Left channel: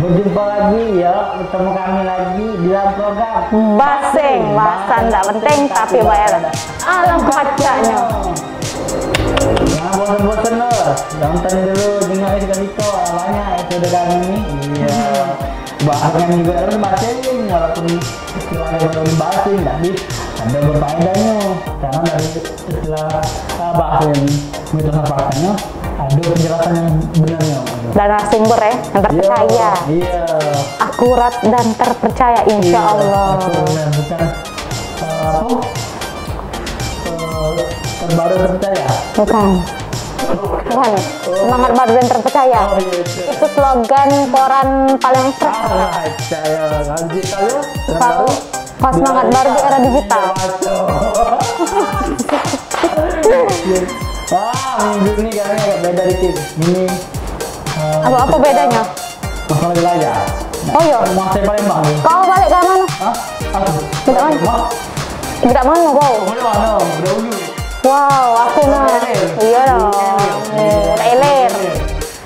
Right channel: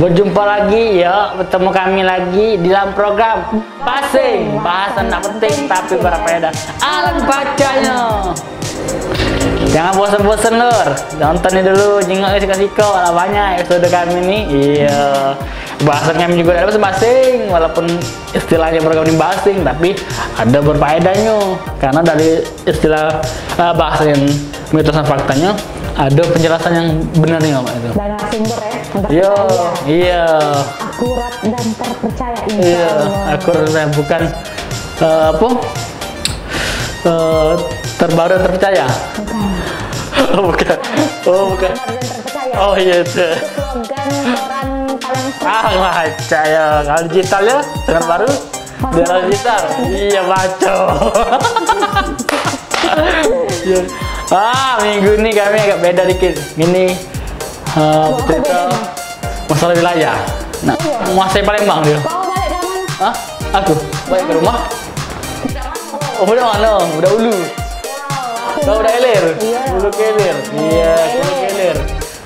Berjumpa lagi ya, bertemu kami lagi di dalam program Basing, bahasan tak penting tapi berfaedah. Alangkahnya. Jangan bosan-bosan lur, nontonin dulu, jangan sikau-sikau, ada banyak episode kami ini. Iya, bahasan kami juga ada basing, walaupun istilahnya program ini basing, tapi ada berfaedahnya. Karena dari istilah bahasan mitos dan faktanya, ada penjelasan yang benarnya Pak itu. Dan narasumber ya, yang terpercaya. Iya. Akurat dan terpercaya insya Allah. Akurat dan bukan terbaru terpercaya. Bukan. Bukan. Semangat baru dan terpercaya. Oh iya. Itu slogan koran paling percaya. Kalau digital ya, semangat baru. Semangat baru di era digital. Iya baca. Minggu ini kami agak beda dikit. Ini apa bedanya? Masalah wilayah. Nah, oh iya. Masih Palembang dia. Kau balik ke mana? Hah? Aku balik ke rumah. Tidak mana kau? Oh, udah mana? Udah ulu. Wow, aku udah eler. Iya dong. Udah Iya, eler.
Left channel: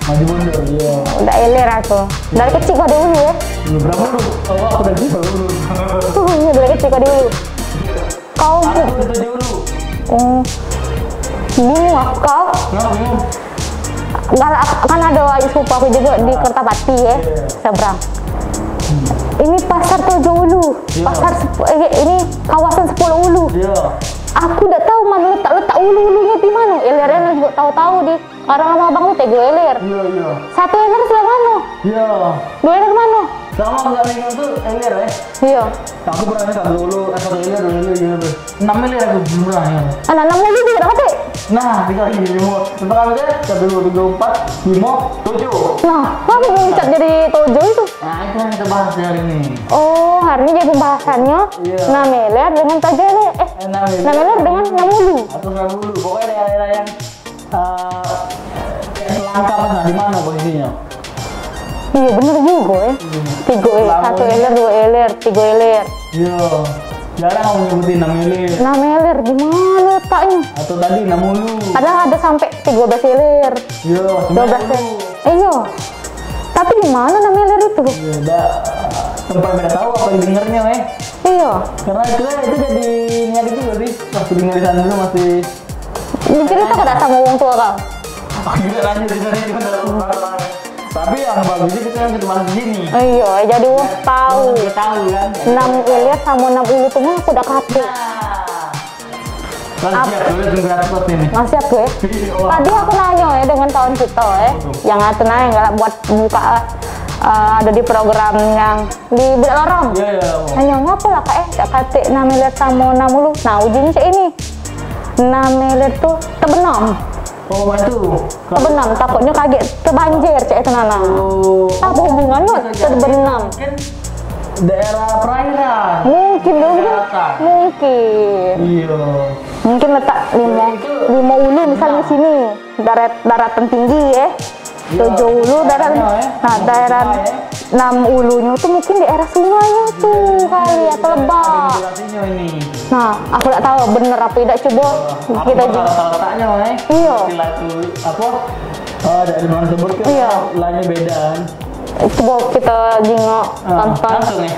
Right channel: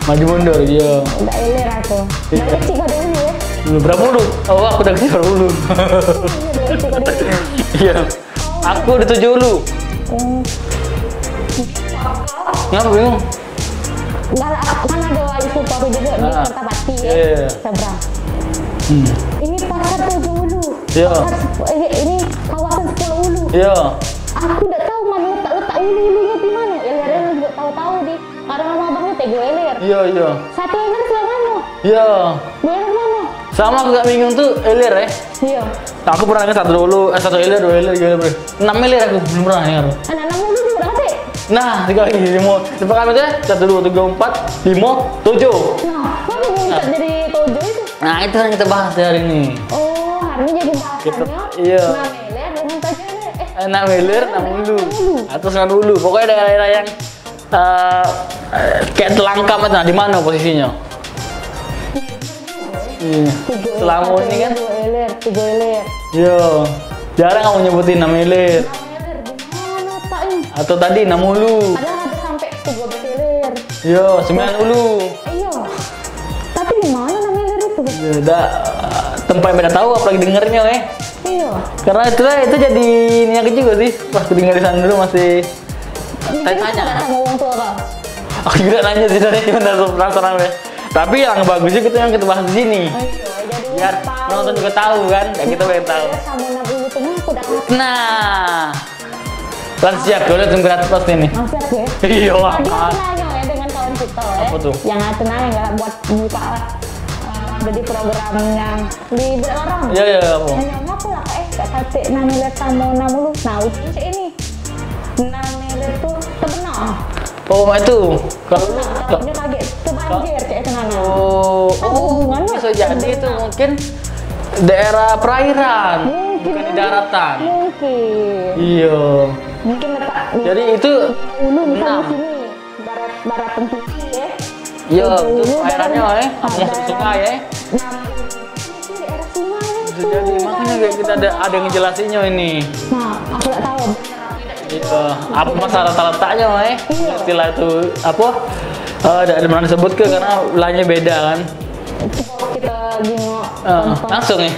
Maju mundur dia. Udah eler aku. Dari kecil kau dulu ya? Berapa dulu? Oh, aku dari kecil dulu. Iya, dari kecil kau dulu. Iya. Kau aku udah 7 dulu. Bingung kau? Ngapa bingung? Kan ada sepupu aku juga di Kertapati ya, seberang. Ini pasar 7 Ulu, pasar ini kawasan 10 Ulu. Aku udah tahu mana letak ulu-ulunya di mana. Elernya juga tahu-tahu di orang lama bang lu Tego eler. Iya. Satu eler sebelah mana? Iya. Dua eler mana? Sama nggak bingung tuh eler ya? Iya. Aku pernah ingat satu eler, 2 eler, 3 eler, 6 eler aku belum pernah ingat. Anak 6 ulu juga dapat. Nah, 3 lagi 5. Coba kami tuh 1, 2, 3, 4, 5, 7. Nah, kamu mencat dari 7 itu? Nah, itu yang kita bahas hari ini. Oh, hari ini jadi pembahasannya 6 eler dengan 7 eler. 6 eler dengan 6 ulu. Atau 9 ulu. Pokoknya daerah-daerah yang kayak telangkap aja. Di mana posisinya? Iya bener juga ya. 3 eler, Lamun 1 eler, 2 eler, 3 eler. Iya. Jarang kamu nyebutin 6 eler. 6 eler gimana letaknya? Atau tadi 6 ulu. Padahal ada sampai 13 eler. Iya, 9 ulu. Iya. Tapi di mana 6 eler itu? Iya, udah tempat yang beda tahu apalagi dengernya Iya. Karena itu jadi niat juga sih. Pas aku dengar di sana dulu masih mungkin kita nggak sama orang tua kau. Aku juga nanya di sana cuma dari peraturan tapi yang bagusnya kita yang kita bahas di sini. Iya, jadi orang tahu. Nonton juga tahu kan. 6 eler sama 6 ulu tuh mah aku udah kapal. Nah, kan siap udah tunggu atas nih. Masih siap gue. Iya. Tadi aku nanya ya dengan kawan kita ya. Yang aku nanya nggak buat buka ada di program yang di Budak Lorong. Iya. Hanya ngapa lah kak kata 6 eler sama 6 ulu. Nah ujungnya cek ini 6 eler tuh terbenam. Oh, itu. Terbenam, takutnya kaget terbanjir cek itu nana. Apa hubungannya terbenam? Mungkin daerah perairan. Mungkin daratan. Mungkin. Iya. Mungkin letak 5 ulu misalnya di sini daratan tinggi ya. 7 ulu daratan. Nah daerah 6 ulunya tuh mungkin di daerah sungainya tuh. Kita ada ngejelasinnya ini. Nah aku nggak tahu bener apa tidak coba. Apa masalah letaknya istilah itu apa? Dari mana sebut ke wilayahnya beda kan? Coba kita jengok tonton. Langsung ya?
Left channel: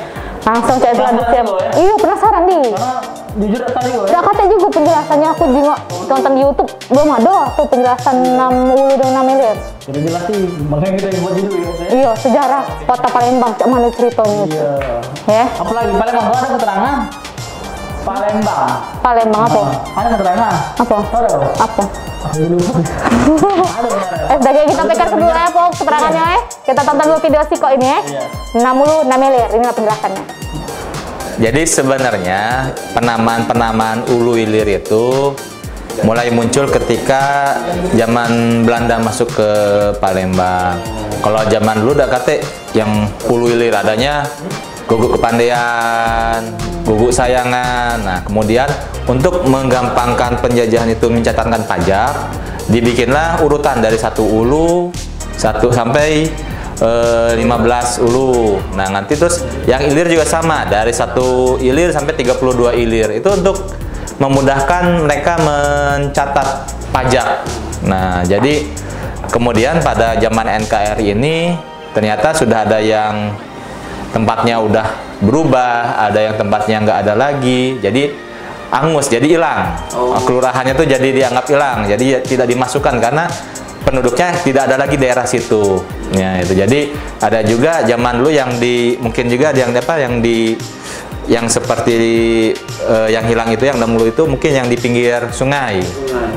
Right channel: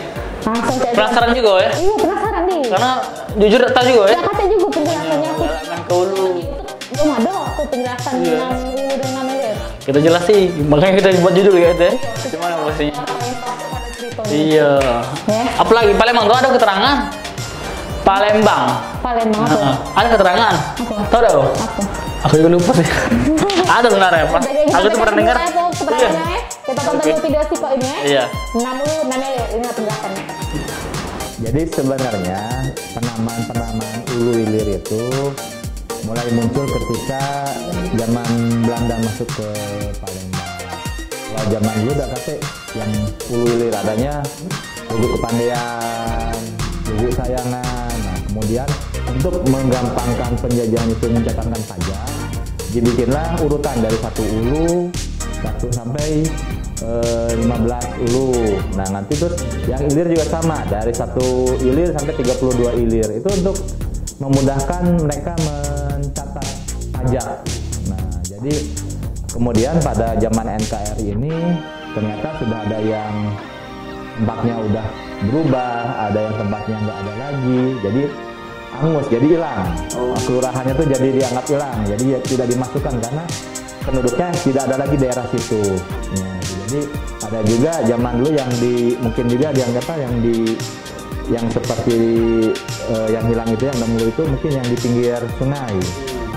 Langsung kayak penasaran juga ya? Iya penasaran nih. Karena jujur tak juga ya? Ya kata juga penjelasannya aku jengok tonton di YouTube belum ada tuh penjelasan 6 ulu dan 6 eler. Kita jelasin, makanya kita buat judul gitu ya? Iya sejarah kota Palembang cak mana ceritanya. Iya. Ya. Apalagi Palembang tuh ada keterangan. Palembang apa? Ada keterangan. Apa? Tahu dah? Apa? Aku juga lupa sih. Ada sebenarnya. Udah kita tekan dulu ya keterangannya ya. Kita tonton dulu video Siko ini ya. Iya. 6 ulu 6 eler inilah penjelasannya. Jadi sebenarnya penamaan ulu ilir itu mulai muncul ketika zaman Belanda masuk ke Palembang. Kalau zaman dulu udah kate yang ulu ilir adanya guguk kepandean, guguk sayangan. Nah, kemudian untuk menggampangkan penjajahan itu mencatatkan pajak, dibikinlah urutan dari 1 ulu 1 sampai 15 ulu. Nah, nanti terus yang ilir juga sama dari 1 ilir sampai 32 ilir. Itu untuk memudahkan mereka mencatat pajak. Nah, jadi kemudian pada zaman NKRI ini ternyata sudah ada yang tempatnya udah berubah, ada yang tempatnya nggak ada lagi, jadi angus, jadi hilang. Kelurahannya tuh jadi dianggap hilang, jadi tidak dimasukkan karena penduduknya tidak ada lagi daerah situ. Ya, itu. Jadi ada juga zaman dulu yang mungkin juga yang seperti yang hilang itu, yang dahulu itu mungkin yang di pinggir sungai,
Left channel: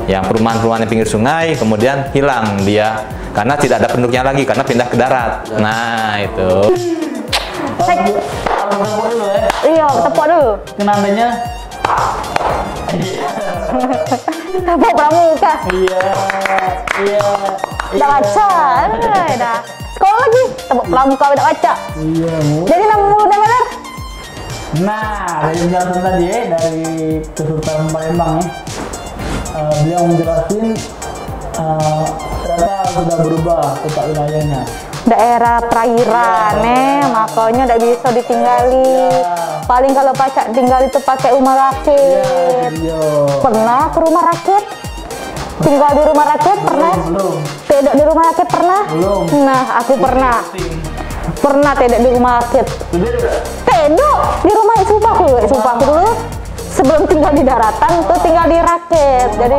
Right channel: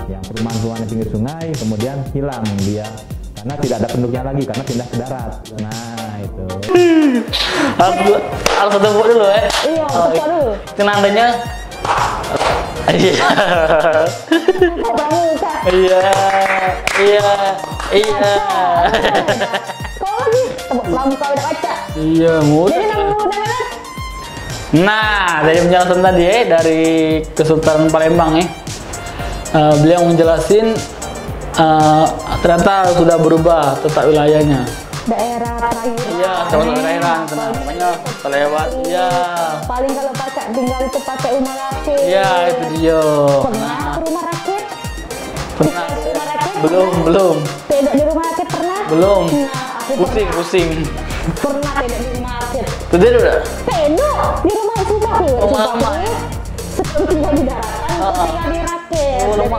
yang perumahan-perumahan di pinggir sungai, kemudian hilang dia karena tidak ada penduduknya lagi karena pindah ke darat. Nah itu. Harus tepuk dulu ya. Iya, tepuk dulu. Kenandanya. Iya. Tepuk pramuka. Iya. Udah baca. Sekolah lagi, tepuk pramuka udah baca. Iya, mudah. Jadi nama benar. Nah, dari penjelasan tadi dari Kesultanan Palembang beliau menjelasin ternyata sudah berubah peta wilayahnya. Daerah perairan, makanya tidak bisa ditinggali. Paling kalau pacak tinggal itu pakai rumah rakit. Iya, itu dia. Pernah ke rumah rakit? Tinggal di rumah rakit pernah? Belum. Tidak di rumah rakit pernah? Belum. Nah, aku pernah. Pusing. Pernah tidak di rumah rakit. Udah. Tidak di rumah sumpahku dulu. Sebelum tinggal di daratan, tuh tinggal di rakit. Jadi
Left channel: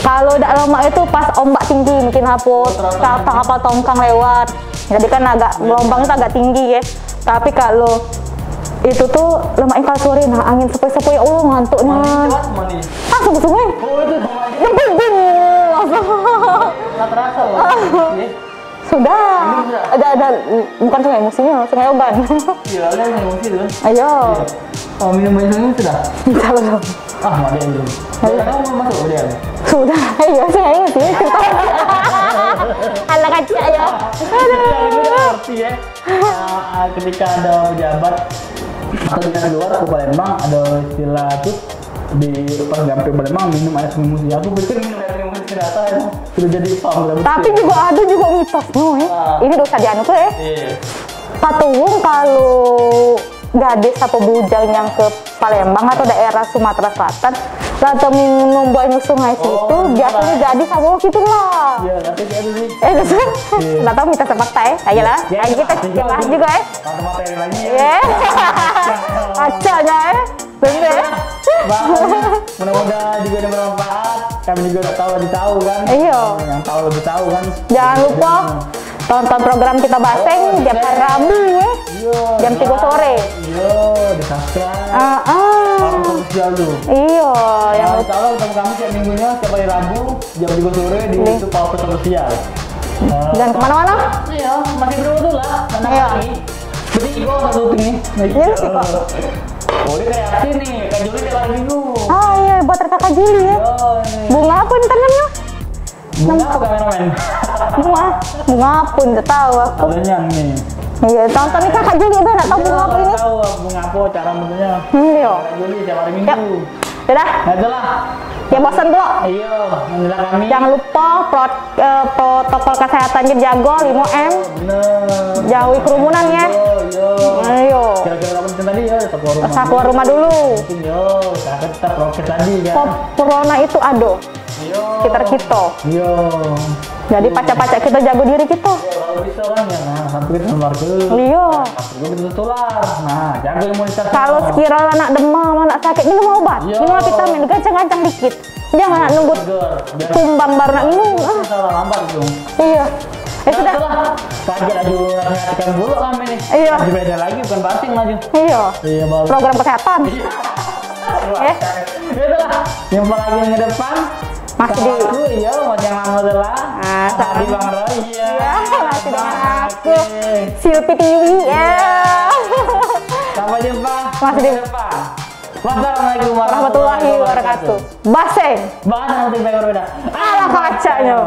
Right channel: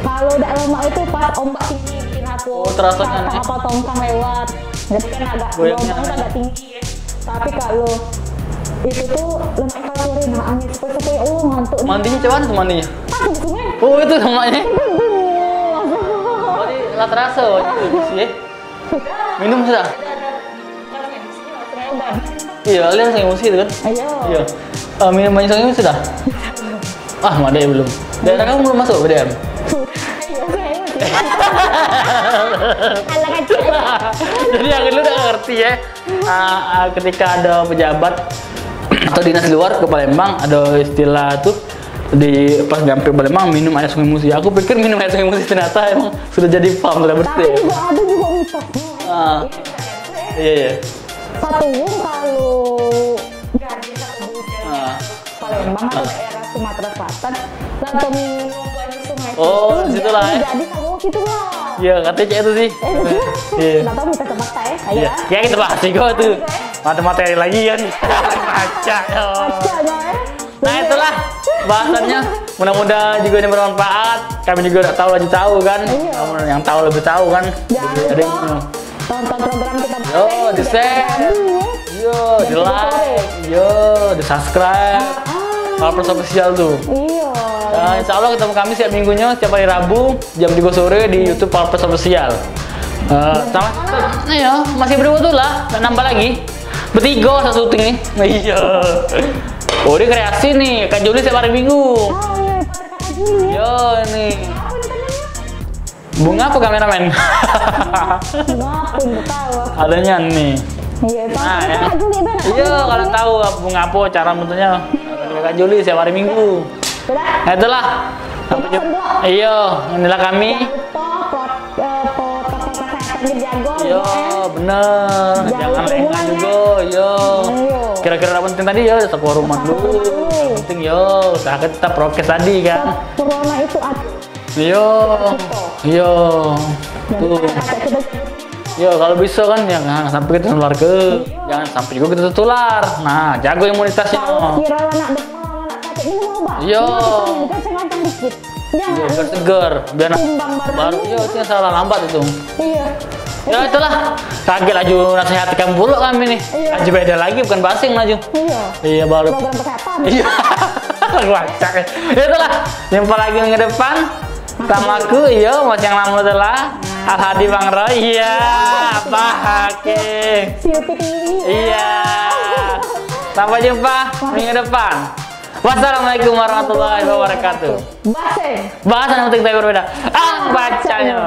kalau tidak lama itu pas ombak tinggi mungkin apa tongkang lewat. Jadi kan agak gelombang itu agak tinggi ya. Tapi kalau itu tuh lemaknya kalau sore, nah angin sepoi-sepoi, ya Allah ngantuk nih. Mandinya cuman mandinya? Sungai. Oh itu lemaknya. Nggak terasa loh. Sudah. Minum sudah? Ada bukan sungai emosinya, sungai oban. Iya, kalian sungai emosi itu kan? Ayo. Iya. Minum banyak sungai sudah? Belum. Ah, Made belum. Daerah kamu belum masuk BDM? Sudah, iya sungai emosi. Ala kecil aja. Jadi yang itu udah ngerti ya. Ketika ada pejabat atau dinas luar ke Palembang, ada istilah tuh pas nyampe Palembang minum air sungai musi. Aku pikir minum air sungai musi, ternyata emang sudah jadi paham lah. Tapi juga ada juga mitosnya ini dosa dianu tuh ya. Iya. Patuwung kalau gadis atau bujang yang ke Palembang atau daerah Sumatera Selatan atau minum buah sungai situ jadi sama gitu lah. Iya, katanya itu sih. Nggak tahu mitos fakta ya, kayak lah. Ya itu pasti kok itu. Ada materi lagi ya. Acanya ya. Nah itulah bahasannya. Mudah-mudahan juga ini bermanfaat. Kami juga udah tahu kan. Iya. Yang tahu lebih tahu kan. Jangan lupa tonton program kita Baseng jam Rabu ya. Jam 3 sore. Iya, di subscribe. Kalau official tuh. Iya. Nah, insya Allah ketemu kami setiap minggunya, setiap hari Rabu jam 3 sore di YouTube Palpes Official. Dan kemana-mana? Iya, masih berdua lah. Nambah lagi. Bertiga satu syuting nih. Iya. Oh, ini kreasi nih, Kak Juli setiap hari Minggu. Oh iya, buat Kakak Juli ya. Yo, nih. Bunga apa nih tangannya? Bunga apa kameramen? Bunga apa, nggak tahu aku. Adanya nih. Iya, tonton Kakak Juli gue nggak tahu. Iya, kalau tahu bunga apa cara bentuknya. Iya. Kak Juli setiap hari Minggu. Sudah. Nah, itulah. Ya bosan dulu. Iya, inilah kami. Jangan lupa protokol kesehatannya dijaga 5M. Bener. Jauh kerumunan ya. Iya. Kira-kira apa penting tadi ya? Keluar rumah. Keluar rumah dulu. Penting yo. Usaha tetap prokes tadi kan. Corona itu ada. Iya. Sekitar kita. Iya. Jadi pacak-pacak kita jaga diri kita. Iya, kalau bisa kan ya nggak sampai kita nular ke. Iya. Jangan sampai juga kita tertular. Nah, jaga imunitasnya. Kalau sekiranya anak demam, anak sakit, minum obat. Iya. Minum vitamin, gancang-gancang dikit. Jangan nunggu seger. Biar tumbang baru nak minum. Iya, salah lambat itu. Iya. Ya itulah. Kaget laju nasihatikan buruk kami nih. Iya. Laju beda lagi, bukan basing laju. Iya. Iya baru. Program kesehatan. Iya. Wacak. Ya itulah. Jumpa lagi minggu depan. Sama aku, iya, mas yang lama adalah Al-Hadi Bang Roy. Iya. Bang Hakim. Silpi TV. Iya. Sampai jumpa minggu depan. Wassalamualaikum warahmatullahi wabarakatuh. Baseng. Bahasan yang penting saya berbeda. Alam bacanya.